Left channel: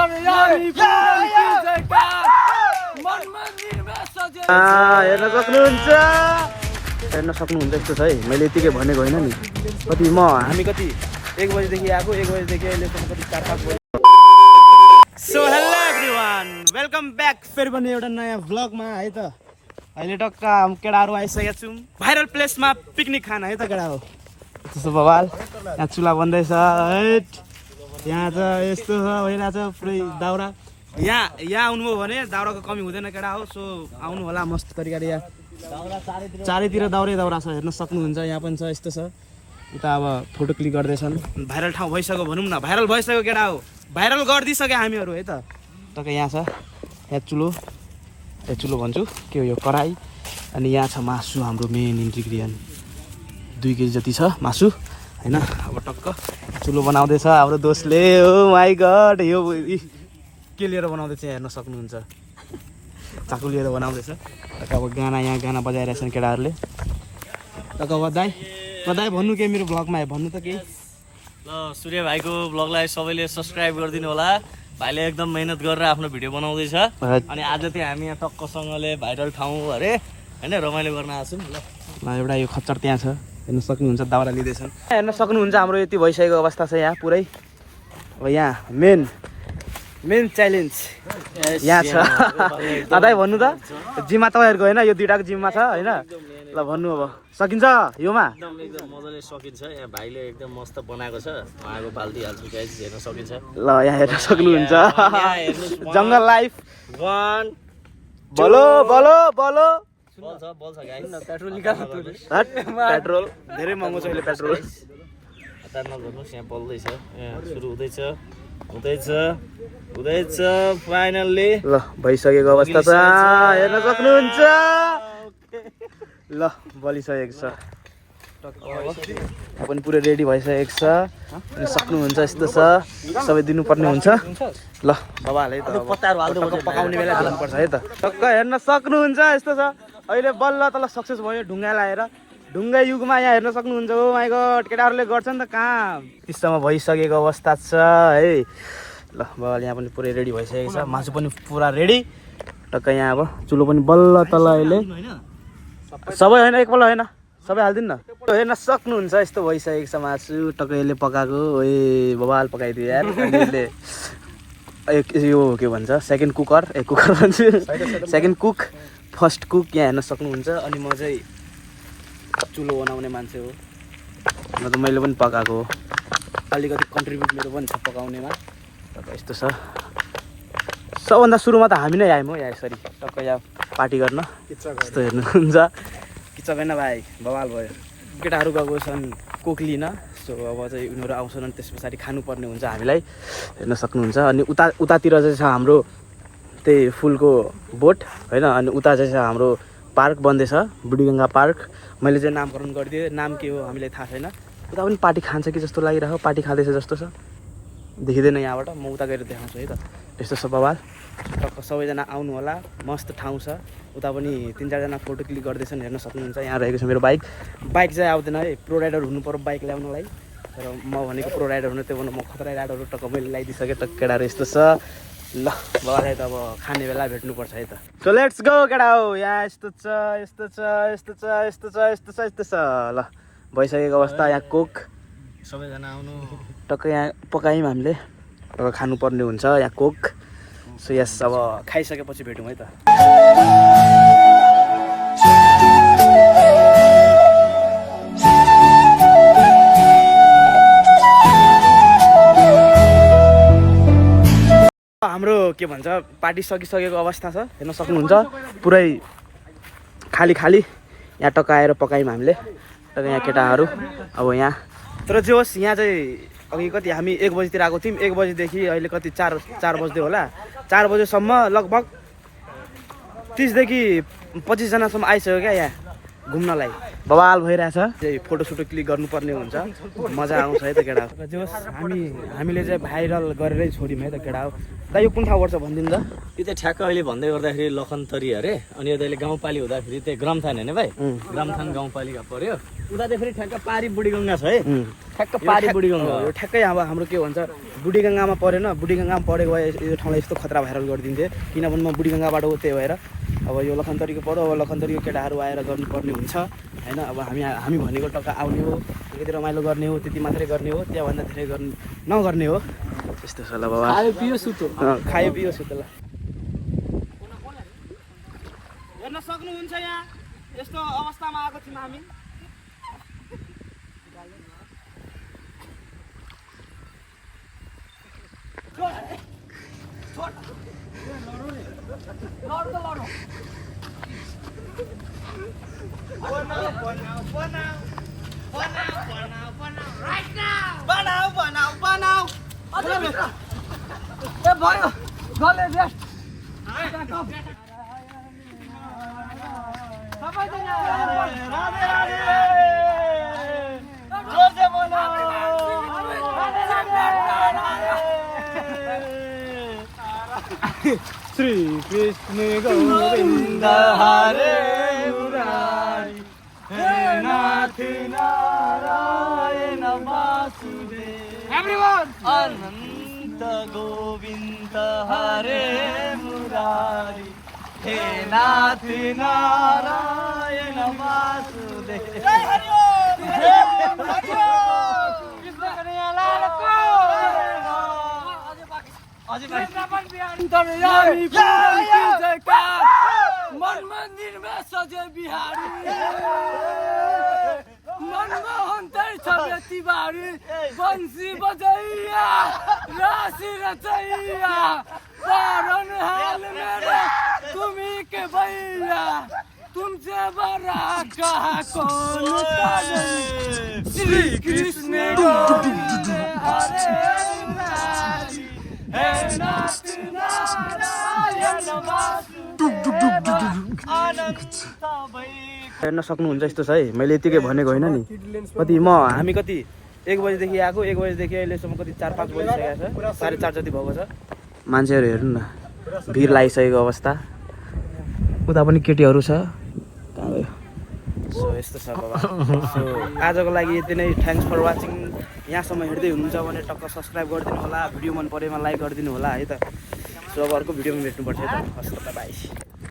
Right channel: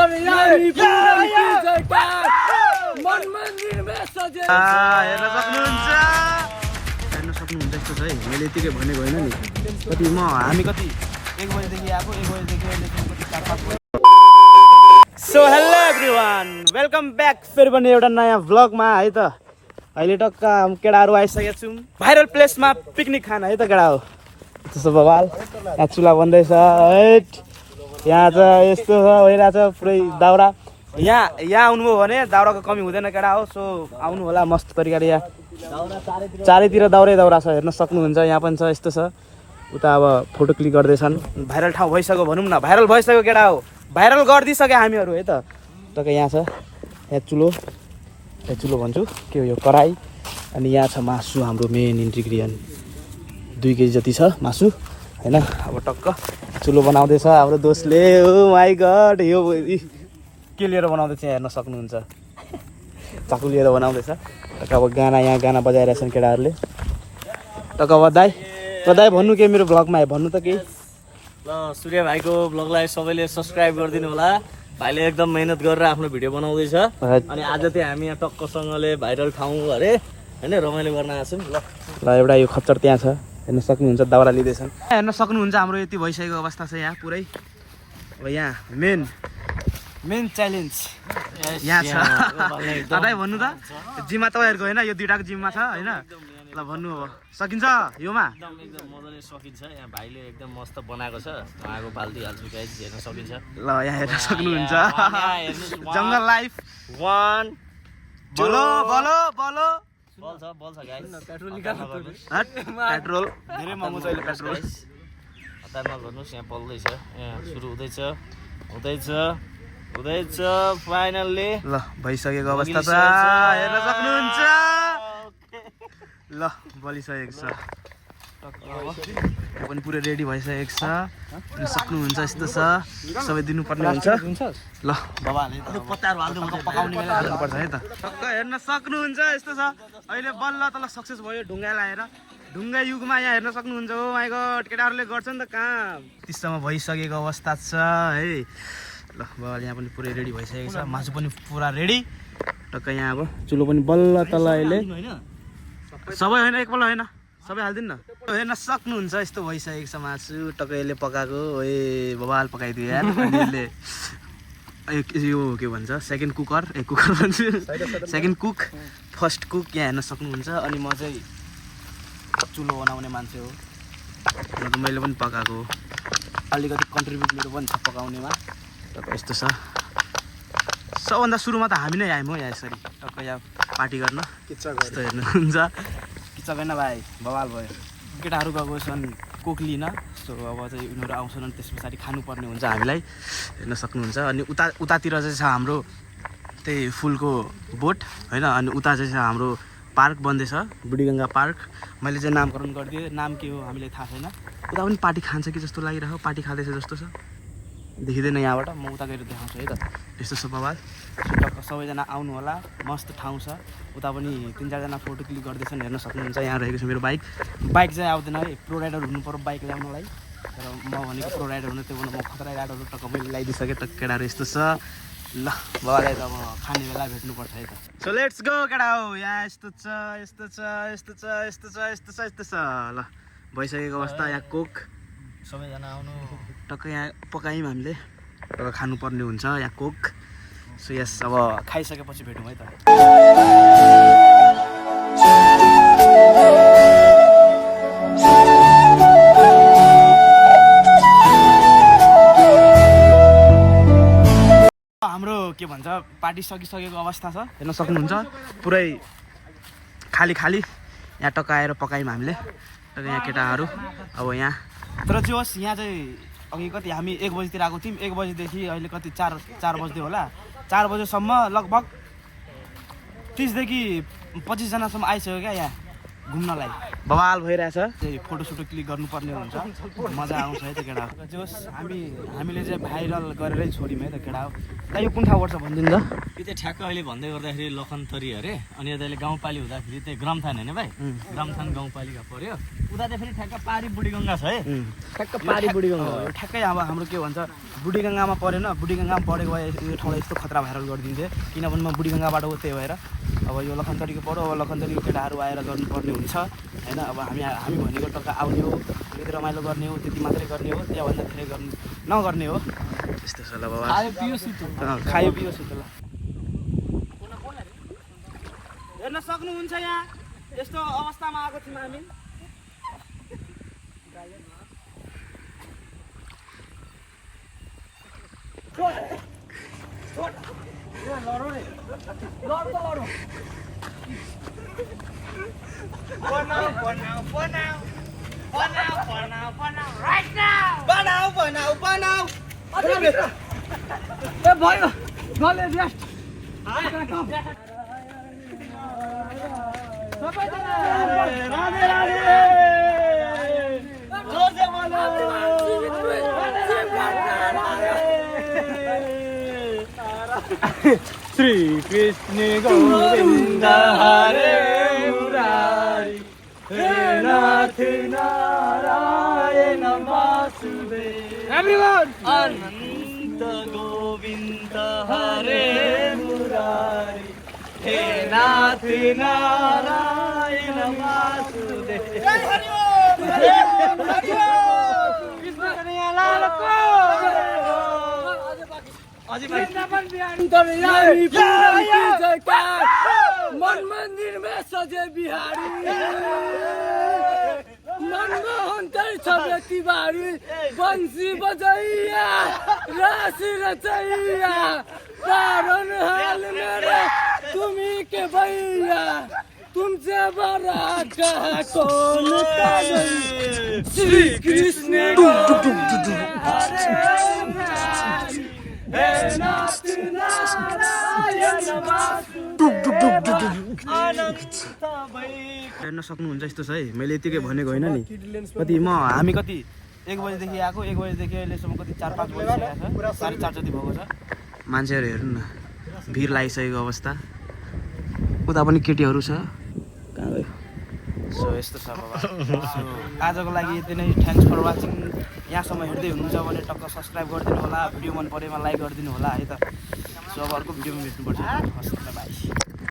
हेर्न सक्नुहुन्छ यस्तो छ है। मैले यतिकै भनेको होइन नि। हामी कति 1 बजेदेखि आएको, 1 बजेदेखि अहिलेसम्म कति 4-5 बजे। So hello everyone, welcome back फेरि पनि एउटा नयाँ भ्लगमा है त। अहिले टक्क केटाहरू आइसकेका छौँ भाइरल प्लेसमा पिकनिक खान है त केटा हो। त्यसो बवाल यहाँ चुला बन्दैछ है। यहाँ त यस्तो छ भइरहेछ पुरै दाउरा। यहाँ आउनुभयो भने दाउराको कमी हुँदैन केटा हो। सो आउनु होला मस्त तरिकाले। यहाँ चारैतिर दाउरा छ, हेर्न सक्नुहुन्छ। यहाँ पनि छ, यस्तो छ। उता अब फोटो क्लिक गर्दैछन्। भाइरल ठाउँ भइसक्यो भनौँ न, भाइरल भइसक्यो केटा हो। भाइरल गरिदिइसक्यो हामीहरू है त। टक्कै यहाँ छ, यहाँ चुलो भन्छु के हो यो, कराई। अनि यहाँ छ मासु, हाम्रो मेन इन्ग्रिडियन्ट 2 केजी जति छ मासु होइन। अब टक्क चुलो बनाउँदैछ हाम्रो दोस्तले। ओ माई गड, यो के लिएर बनाउँदैछ हेर्न सक्नुहुन्छ। चाकु लिएर बनाउँदैछ। टक्क अब यहाँ गाना बजाइरहेछन् केटाहरूले। टक्क बधाई भन्नु के मेरो भ्लगमा है, भन्नु त केही। ल सूर्य भाइको भ्लगलाई सबैले सब्सक्राइब गरिदिनु होला। भाइले एकदम मेहनत गरेर आफ्नो भिडियो बनाउँदैछ। अनि आज चाहिँ हामी यहाँ टक्कसँगले भाइरल ठाउँ अरे होइन रमाइलो गर्न आएको छौँ। ल एउटा यो खच्चर त्यहाँ छ, हेर्न सक्नुहुन्छ। दाउरा लिँदैछन्, हेर्न सक्नुहुन्छ। हाम्रो यति भइसकेको अवस्था छ यहाँ पुरै। अब यहाँ मेन च्यालेन्ज यहाँ छ। दाइ भन्नु त, जिम्मा तपाईँहरूको होइन, यो 2टाको जिम्मा छ होइन। ल भन्नु अब सकिन्छ योमा। एकदम मजाले सकिन्छ। यहाँ भाइले एकदम मस्त बनाएको छ। आगो बाल्दिहाल्छु गाइस, हेर्न सकिन्छ। ल यहाँ हेर्न सक्नुहुन्छ। जङ्गल लाइफ 1 बोलो बल्छ गाइस। पेट्रोल धेरै महँगो छ अहिले पेट्रोल। हतार नगर्नुहोस्, यहाँ बल्दैछ। यहाँ सुरु हुँदैछ फाइनल्ली। ल भइसकेको अवस्था छ, हेर्न सक्नुहुन्छ। ल बलिसकेको छ टक्क। अब यहाँ पनि पुरै रेडी भइसकेको छ। अनि सक्नुहुन्छ, यस्तो छ। सबै दिनुपर्ने हुन्छ। ल बबाल है त, पकाउने बेला दिनुपर्छ है त। टक्क हेर्न सक्नुहुन्छ, यस्तो छ। अहिले बल्ल तल सक्सेस भयो ढुङ्गा लाएर। ढुङ्गा युगमा यहाँ हेर्न सक्नुहुन्छ। ओ माई गड, केटाहरूले गर्छन् त काम। त्यस्तोमा भइसकेको अवस्था छ है। ल बबाल यहाँ पनि पुरै रेडी भइसकेको छ। मासु पनि पुरा रेडी। टक्क यहाँ अब चुलो पनि बल्ल तल अहिले सबै होइन, एकपल्ट होइन, सबै हालिदिनु न। हेर्न सक्नुहुन्छ, यस्तो भइसकेको छ मासु। टक्क यसले पकाएको। ए बबाल पकाइदियो यार। अनि यसले यो के भन्छ सेकेन्ड कुकर भन्छु, सेकेन्ड कुक, फर्स्ट कुक यहाँ हेर्न सक्नुहुन्छ। अनि म चाहिँ चुलो बनाउने मान्छे हो। न त मैले पनि पकाएको हो। अलिकति कन्ट्रिब्युट मेरो पनि छ पकाउनेमा। टक्क यस्तो छ। सबभन्दा सुरुमा त हामी नै आयौँ हो यहाँ यसरी टक्क यहाँ पार्टी गर्न। यस्तो हेर्नुहुन्छ, किच्चा होइन भाइ, बवाल भयो। केटाहरू गएको छन् कोक लिन। सो अब चाहिँ उनीहरू आउँछन् अनि त्यस पछाडि खानुपर्ने हुन्छ हामीलाई, हेर्न सक्नुहुन्छ। अनि उतातिर चाहिँ छ हाम्रो त्यही फुलको बोट होइन। अनि उता चाहिँ छ हाम्रो पार्क बन्दैछ, बुढीगङ्गा पार्क। मैले चाहिँ नामकरण गरिदिएँ, नाम के हो हामीलाई थाहा छैन। उता पनि पार्टी खान्छ कि जस्तो लागिरहेको, पार्टी खाँदैछ जस्तो छ। देखिँदैन यहाँबाट, म उता गएर देखाउँछु है त। यस्तो छ बवाल। सबैजना आउनु होला, मस्त ठाउँ छ। उता पनि 3-4जना फोटो क्लिक गर्दैछन्, हेर्न सक्नुहुन्छ। यहाँ रहेको छ मेरो बाइक चाहिँ आउँदैन है, प्रो राइडर हुनु पर्यो बाइक ल्याउनलाई। तर म भनेको प्रो राइडर हुनु, त्यो भन्दा म खतरा राइडरहरू टक्क मैले ल्याइदिइसकेँ। टक्क केटाहरू यस्तो छ। ल बबालाई त अब खाने बेला भेट्नुपर्छ है त। सो लेट्स गो केटा हो। यहाँ यस्तो छ। ल भइसकेको अवस्था। यहाँ कोक, सबैजना आउनु। टक्क यहाँ पकायौँ हामीले। टक्क खानुपर्ने हुन्छ यहाँ कोक। सो यस, अब खाइसकेपछि भेटौँ है त। हाम्रो के भन्छ पार्टी सकिसकेको अवस्था छ, हेर्न सक्नुहुन्छ। पुरै खाली यहाँ टक्क आएर पकायौँ हामीले। टक्क यहाँ केटाहरू अब यहाँ। तर जे होस्, यहाँ चाहिँ अघि कति हामी 1 बजीतिर आएको थियौँ। 1 बजीदेखि अहिले कति 4 बज्दै होला। 4 बजेसम्म लगभग 30देखि 25जनासम्म आइसक्यो क्या यहाँ घुम्नलाई। बवाल भइरहेछ। त्यही फोटोसोटो क्लिक गर्नुपर्ने हुन्छ, मजा आउँछ है त केटा। जे होस् हामीले चाहिँ भाइरल गरेरै छोड्यौँ है त केटा। दाइ यो कुन ठाउँ पर्छ भनिदिनु त। यो चाहिँ ठ्याक्क अहिले भन्दै गर्दाखेरि लखनतरी अरे अनि यता अहिले गाउँपालिका हुँदाखेरि चाहिँ ग्रामथान होइन भाइ ग्रामथान गाउँपालिका पर्यो उता चाहिँ फेरि ठ्याक्क पारी बुढीगङ्गा छ है ठ्याक्क पारी बुढीगङ्गा यो ठ्याक्कै अब हाम्रो के भन्छ बुढीगङ्गामा परेन बुढीगङ्गामा परेको भए यो ठाउँलाई यस्तो खतरा भाइरल गरिदिन्थे किनभने म बुढीगङ्गाबाट हो त्यही भएर अब यो लखनतरीको पऱ्यो अब लखनतरीको केटाहरू आएर गर्नुपर्ने हुन्छ होइन अब हामी भनेको टक्का आउने हो त्यति रमाइलो गर्ने हो त्यति मात्रै गर्ने हो त्यहाँभन्दा धेरै नगर्ने हो त्यस्तो छ ल बाबा खायो पियो सुतो खायो पियो सुतो ल हेर्न सक्नुहुन्छ यहाँ यस्तो अवस्थामा आएको थियौँ हामी श्री कृष्ण गोविंद हरे मुरारी हे नाथ नारायण वासुदेव एवरीवन अनंत गोविंद हरे मुरारी हे नाथ नारायण वासुदेव मन मंदिर में सजे बिहारी मनमोहन छबे तिवारी बंसी बजैया राशि रचैया पारन हाल मेरे तुम्ही के भैया तुमसे बड़ा कहा कौन श्री कृष्ण हेर्न सक्नुहुन्छ यस्तो छ है मैले यतिकै भनेको होइन नि कति हामी कति 1 बजीदेखि आएको 1 बजीदेखि अहिलेसम्म कति 4-5 बजिसकेको छ 4:30 जति भएको छ मान्छेहरू हेर्नु न भिड लागिसकेको अवस्था उता पनि केटीहरू छ कहाँ गयो सो यस्तो छ बाबा सो आजको लागि यति नै थ्याङ्क्स फर वाचिङ यहाँसम्म हेर्दै हुनुहुन्छ भने टक्क सब्सक्राइब गरिदिनु होला भिडियो मन परेमा लाइक गरिदिनु होला है त सो अब अर्को भिडियोमा भेट्नुपर्छ है त हस् त बाई